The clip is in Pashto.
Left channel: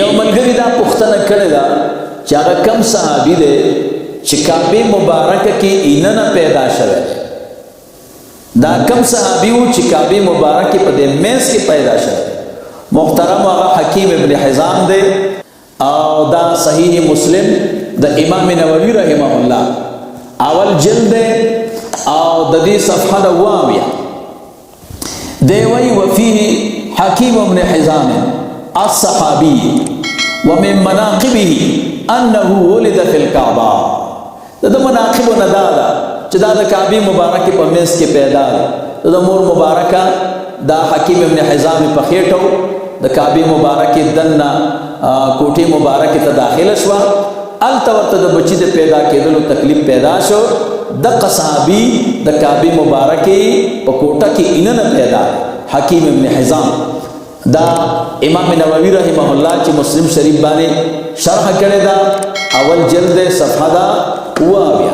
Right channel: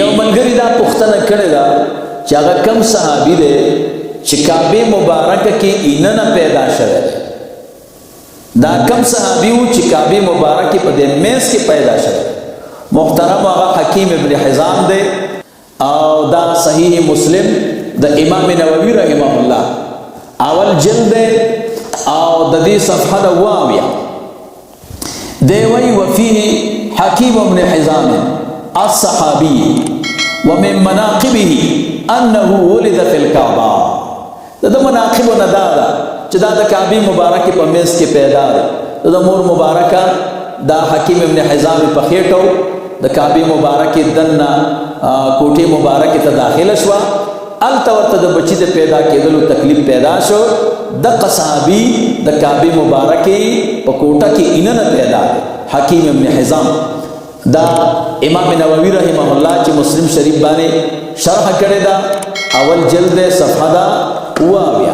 یو ملګری دا پوښتنه کړې ده چې هغه کم صحابي دی چې کعبه مبارکه کې اینه نه پیدا شوی دی. دا کم صحابي و چې کعبه مبارکه په دې میز کې پیدا شوی دی. محترم هغه حکیم ابن حزام دی او دا صحیح مسلم د امام نووي رحمه الله اول جلد دی او د دې صفحه د 80 دی وی وفيه حکیم ابن حزام الصحابي ومن مناقبه انه ولد في الكعبه. د مناقب نه دا ده چې دا د کعبه مبارکه په منځ کې پیدا دی. د مور مبارکه دا حکیم ابن حزام په خېټو د کعبه مبارکه دنه کوټه مبارکه ته داخله شو. التورته د بچی د پیدا کېدلو تکلیف پیدا شو. د صحابي د کعبه مبارکه په کوټه کې اینه پیدا دی حکیم ابن حزام. دا امام نووي رحمه الله چې مسلم شریف باندې شرح کړی دا اول جلد صفحه دا 80.